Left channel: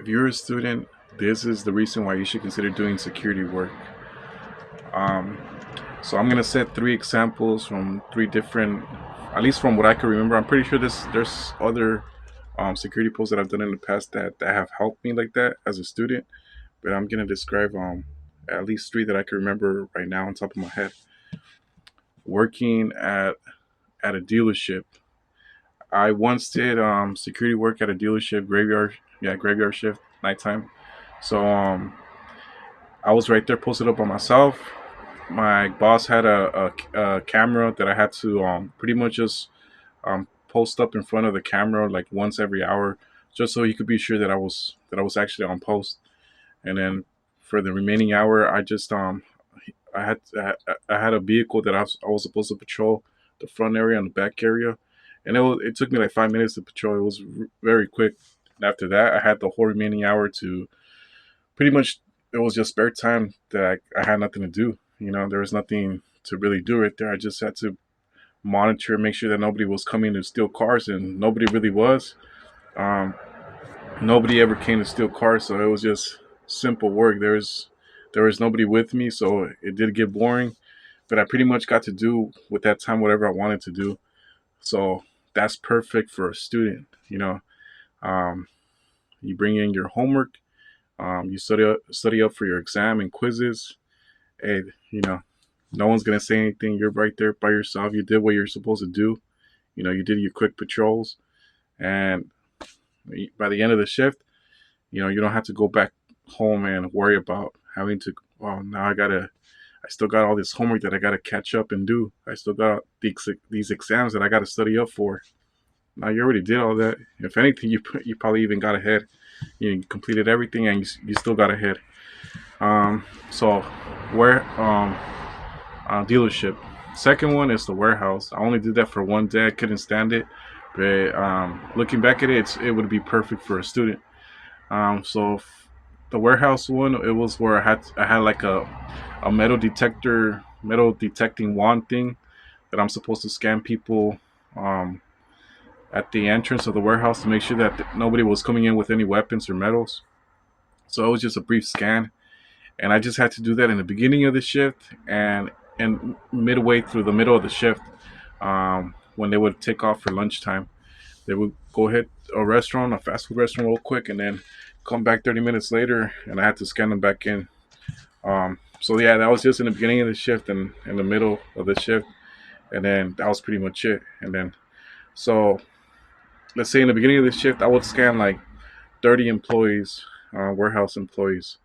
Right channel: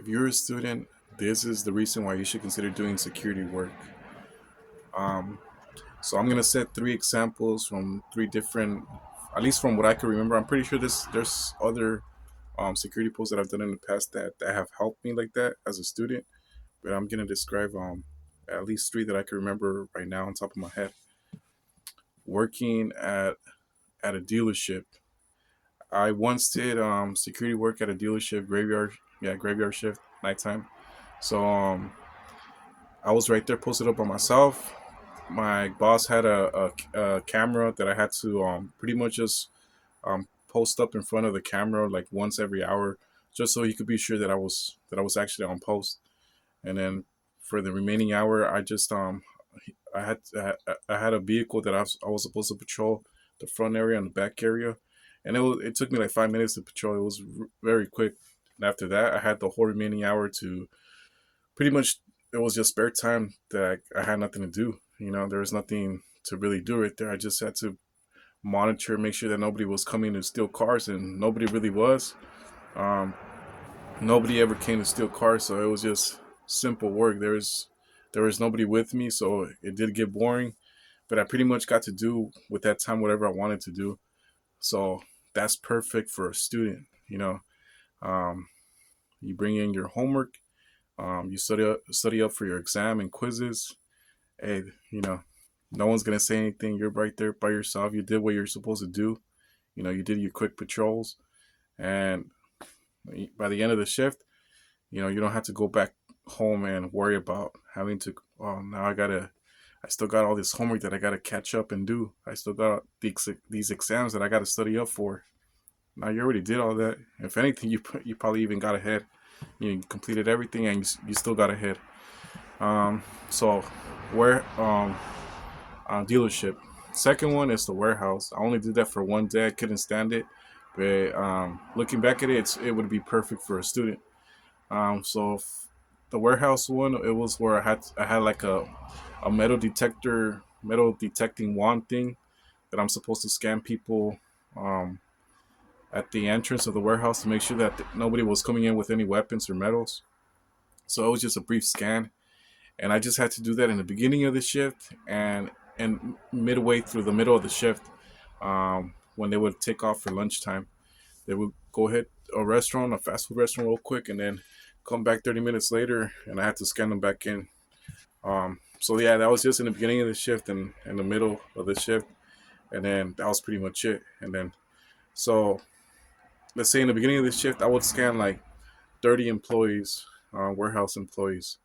If you're a student, this is the reason why you should consider doing security work. Um, so I'm gonna set three examples from three different, at least from what I can remember. I'm pretty sure there's other security posts that I've done in the past that have helped me like that as a student. But I'm gonna describe at least three that I can remember right now on top of my head. Working at a dealership. I once did security work at a dealership graveyard, yeah, graveyard shift, nighttime. So I was right there posted up by myself. My boss had a camera that I had to pretty much just post up in front of the camera like once every hour, just so he could be sure that I was actually on post. And then for the remaining hour, I had a vehicle that I was supposed to patrol the front area and the back area, and it took me like 5 minutes to patrol. It was very quick. And after that, I had the whole remaining hour to pretty much, it was just spare time that I had nothing to do. There was nothing to really do right there. I just had to monitor, make sure that nobody was coming to steal cars, and nobody really was. Um, Nobody ever came to steal cars, so it was just simple work. There was nobody with me, so it did get boring. But I pretty much got to do with that time whatever I wanted to do. So that's perfect for a student. Um, you bring in your homework, you study up for your exam and quizzes. Hey, no one's gonna say anything. You're right there by yourself. You did what you're supposed to do. You did your quick patrols, and by the end of the shift, you don't have to go back home and worry about having to. Oh, now I still got all this homework that I gotta catch up and do. I still got these exams that I gotta study up for. Now you already did all that. If anything, you probably even got ahead. You completed everything, and you still got ahead. So where dealership. Second one is the warehouse. I only did that for one day. I couldn't stand it, but looking back at it, it would be perfect for a student. The warehouse one, it was where I had like a metal detecting wand thing that I'm supposed to scan people um, at the entrance of the warehouse to make sure that nobody was coming in with any weapons or metals. So it was just a brief scan, and I just had to do that in the beginning of the shift and midway through the middle of the shift, when they would take off for lunchtime. They would go hit a restaurant, a fast food restaurant, real quick, and then come back 30 minutes later, and I had to scan them back in. So yeah, that was just in the beginning of the shift and in the middle of the shift, and then that was pretty much it. And then so let's say in the beginning of the shift, I would scan like 30 employees, warehouse employees,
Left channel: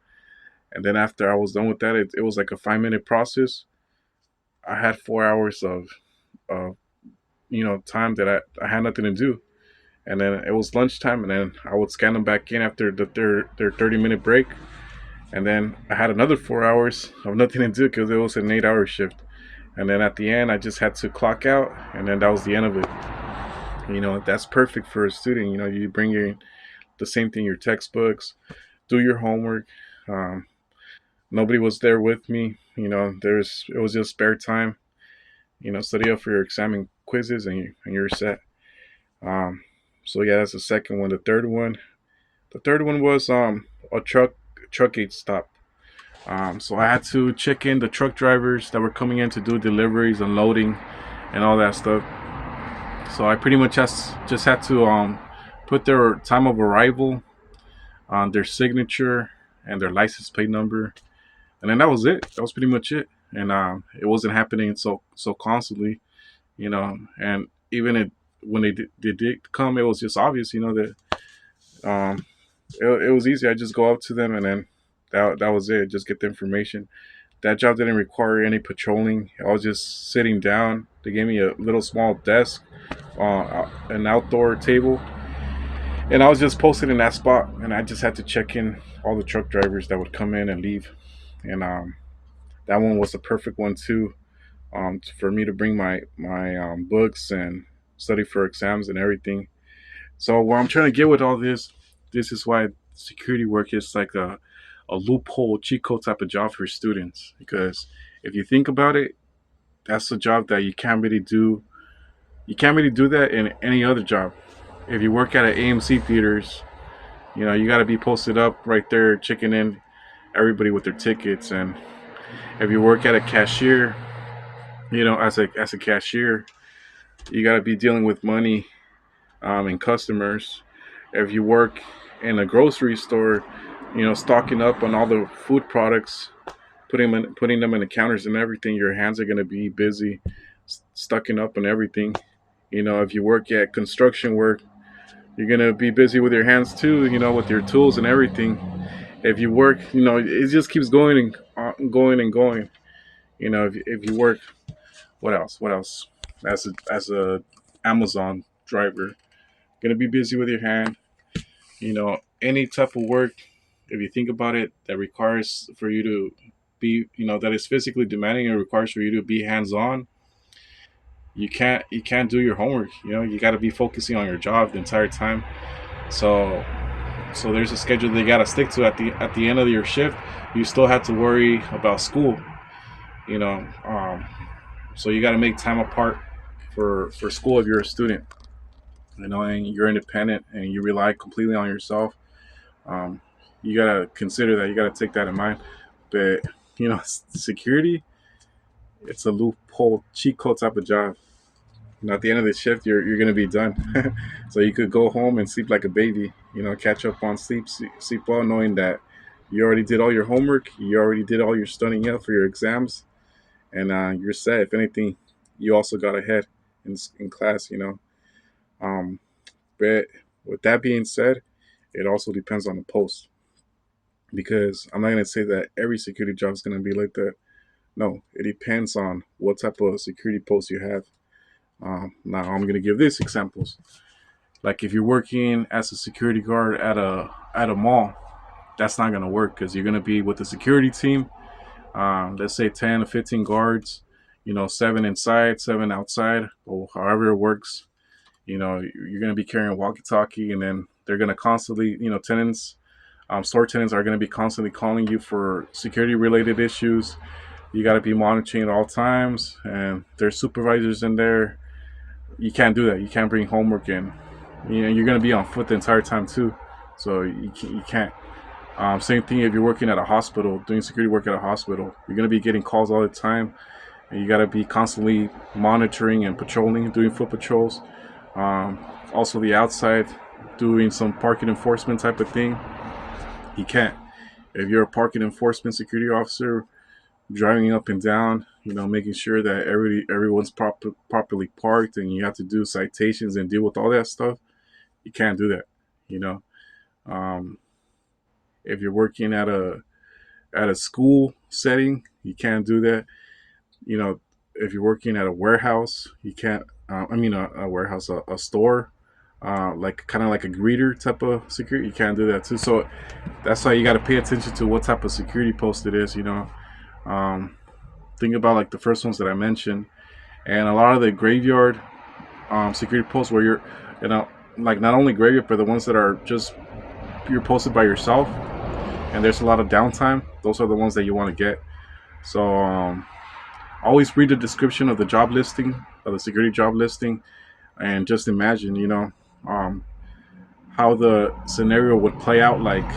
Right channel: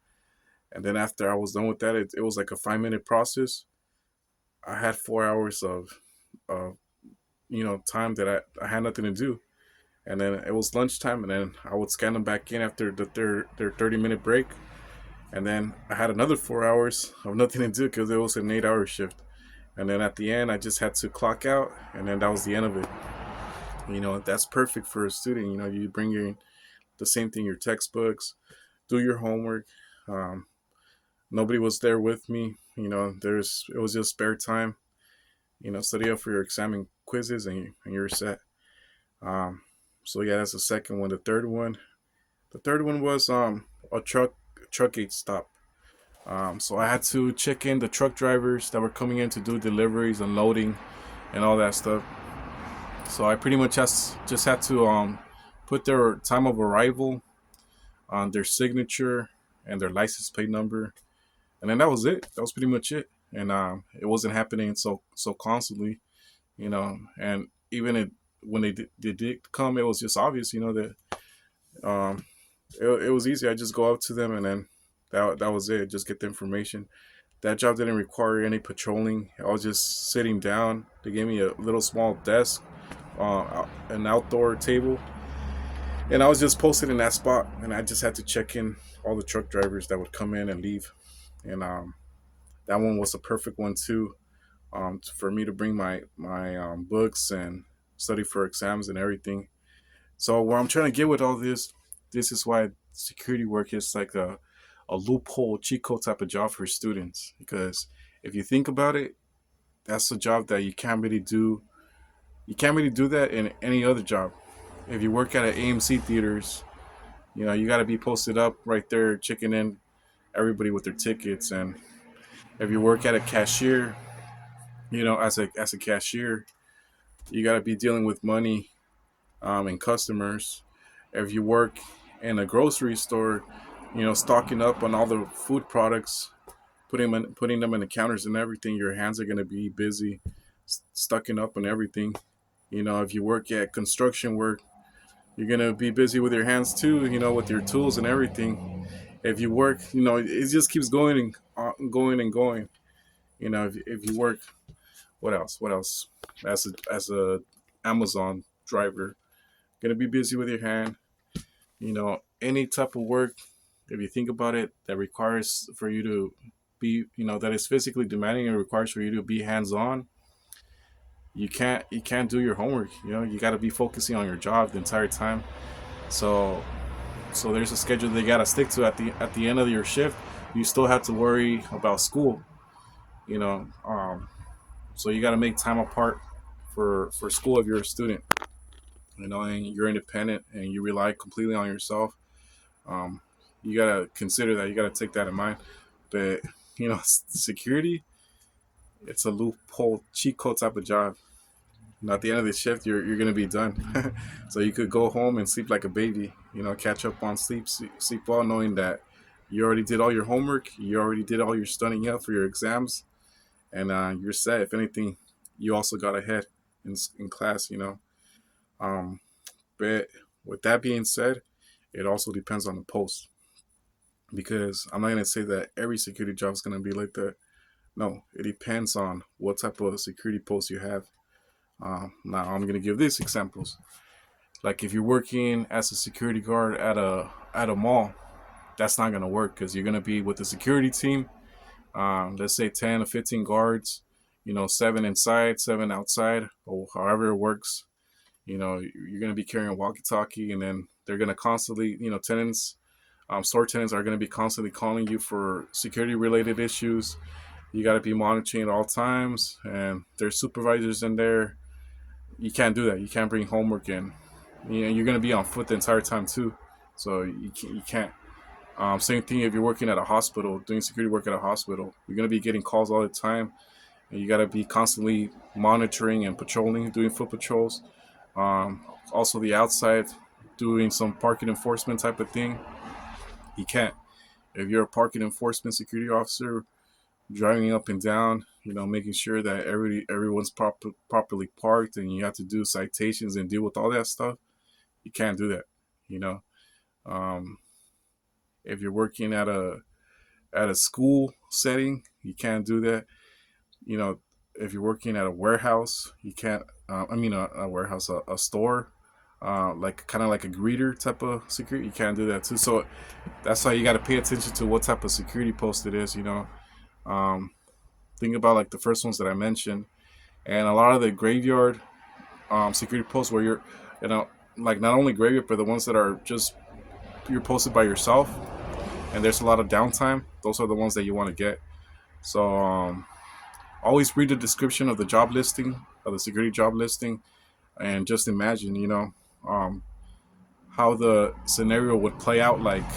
and then after I was done with that, it was like a 5 minute process. I had 4 hours of time that I had nothing to do, and then it was lunchtime, and then I would scan them back in after their 30-minute break, and then I had another 4 hours of nothing to do because it was an 8 hour shift, and then at the end I just had to clock out, and then that was the end of it. That's perfect for a student. You bring in the same thing, your textbooks, do your homework. Um, Nobody was there with me. There's it was just spare time. Study up for your exam and quizzes, and you're set. Um, so yeah, that's the second one. The third one was a truck gate stop. So I had to check in the truck drivers that were coming in to do deliveries, unloading, and all that stuff. So I pretty much just had to put their time of arrival, on their signature, and their license plate number, and then that was it. That was pretty much it. And it wasn't happening so constantly, And even when they did come, it was just obvious, that um, it was easy. I just go up to them, and then that was it. Just get the information. That job didn't require any patrolling. I was just sitting down. They gave me a little small desk, an outdoor table, and I was just posted in that spot. And I just had to check in all the truck drivers that would come in and leave. And that one was the perfect one too, for me to bring my books and study for exams and everything. So where I'm trying to get with all this is why security work is like a loophole, cheat code type of job for students. Because if you think about it, that's a job that you can't really do. You can't really do that in any other job. If you work at an AMC theaters, You know, you got to be posted up right there, checking in everybody with their tickets. And if you work at a cashier, you know, as a cashier, you got to be dealing with money and customers. If you work in a grocery store, you know, stocking up on all the food products, putting them in the counters and everything, your hands are going to be busy, stocking up on everything. You know, if you work at construction work, you're going to be busy with your hands too, you know, with your tools and everything. If you work, you know, it just keeps going and going and going. You know, if you work, what else? What else? As a Amazon driver, gonna be busy with your hand. You know, any type of work, if you think about it, that requires for you to be, you know, that is physically demanding and requires for you to be hands on. You can't do your homework. You know, you got to be focusing on your job the entire time. So there's a schedule they got to stick to at the end of your shift. You still have to worry about school. You know, so you got to make time apart for school if you're a student. You know, and you're independent and you rely completely on yourself. Um, you gotta consider that. You gotta take that in mind. But you know, security, it's a loophole, cheat code type of job. You know, at the end of the shift, you're gonna be done. So you could go home and sleep like a baby. You know, catch up on sleep well, knowing that you already did all your homework, you already did all your studying up for your exams, and you're set. If anything, you also got ahead in class. You know, um, but with that being said, it also depends on the post because I'm not gonna say that every security job is gonna be like that. No, it depends on what type of security post you have. Now I'm gonna give this examples. Like if you're working as a security guard at a mall, that's not gonna work because you're gonna be with the security team. Let's say 10 to 15 guards. You know, 7 inside, 7 outside, or however it works. You know, you're gonna be carrying walkie-talkie, and then they're gonna constantly, you know, tenants, store tenants are gonna be constantly calling you for security related issues. You got to be monitoring at all times, and there's supervisors in there. You can't do that. You can't bring homework in. You know, you're gonna be on foot the entire time too, so you can't. Same thing if you're working at a hospital, doing security work at a hospital. You're gonna be getting calls all the time, and you gotta be constantly monitoring and patrolling, doing foot patrols. Um, Also, the outside, doing some parking enforcement type of thing. You can't. If you're a parking enforcement security officer, driving up and down, you know, making sure that everyone's properly parked, and you have to do citations and deal with all that stuff. You can't do that. You know, um, if you're working at a school setting, you can't do that. You know, if you're working at a warehouse, you can't. A warehouse, a store, like kind of like a greeter type of security. You can't do that too. So that's why you got to pay attention to what type of security post it is. You know, um, think about like the first ones that I mentioned, and a lot of the graveyard security posts where you're, you know, like not only graveyard but the ones that are just you're posted by yourself, and there's a lot of downtime. Those are the ones that you want to get. So always read the description of the job listing, of the security job listing, and just imagine, you know, um, how the scenario would play out. Like,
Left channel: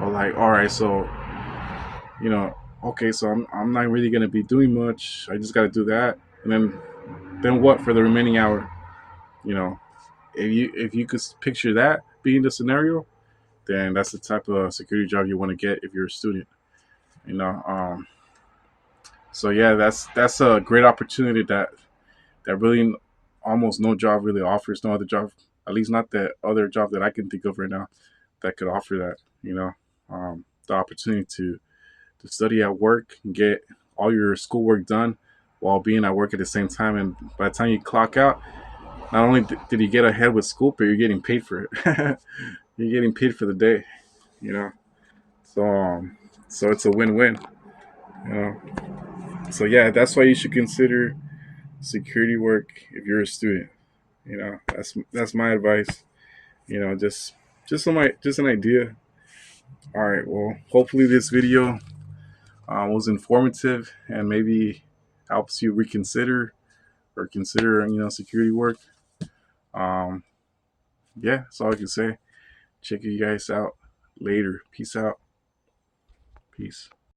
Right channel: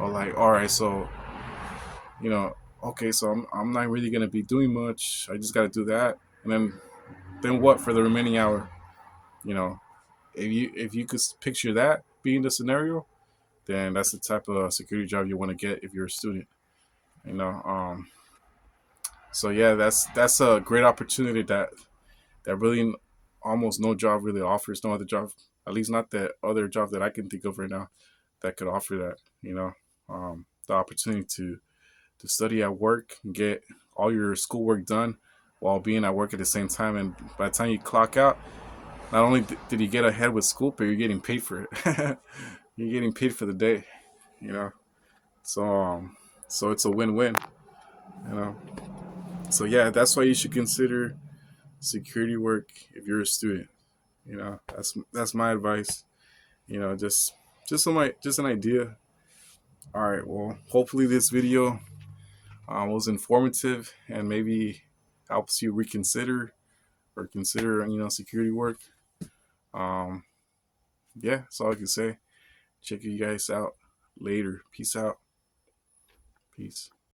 or like, all right, so you know, okay, so I'm not really gonna be doing much. I just got to do that, and then what for the remaining hour? You know, if you could picture that being the scenario, then that's the type of security job you want to get if you're a student. You know, so yeah, that's a great opportunity that really almost no job really offers. No other job, at least not that other job that I can think of right now, that could offer that. You know, the opportunity to study at work and get all your schoolwork done while being at work at the same time. And by the time you clock out, not only did you get ahead with school, but you're getting paid for it. You're getting paid for the day, you know. So so it's a win-win, you know. So yeah, that's why you should consider security work if you're a student. You know, that's my advice. You know, just an idea. All right. Well, hopefully this video was informative and maybe helps you reconsider or consider, you know, security work. Um, yeah, that's all I can say. Check you guys out. Later. Peace out. Peace.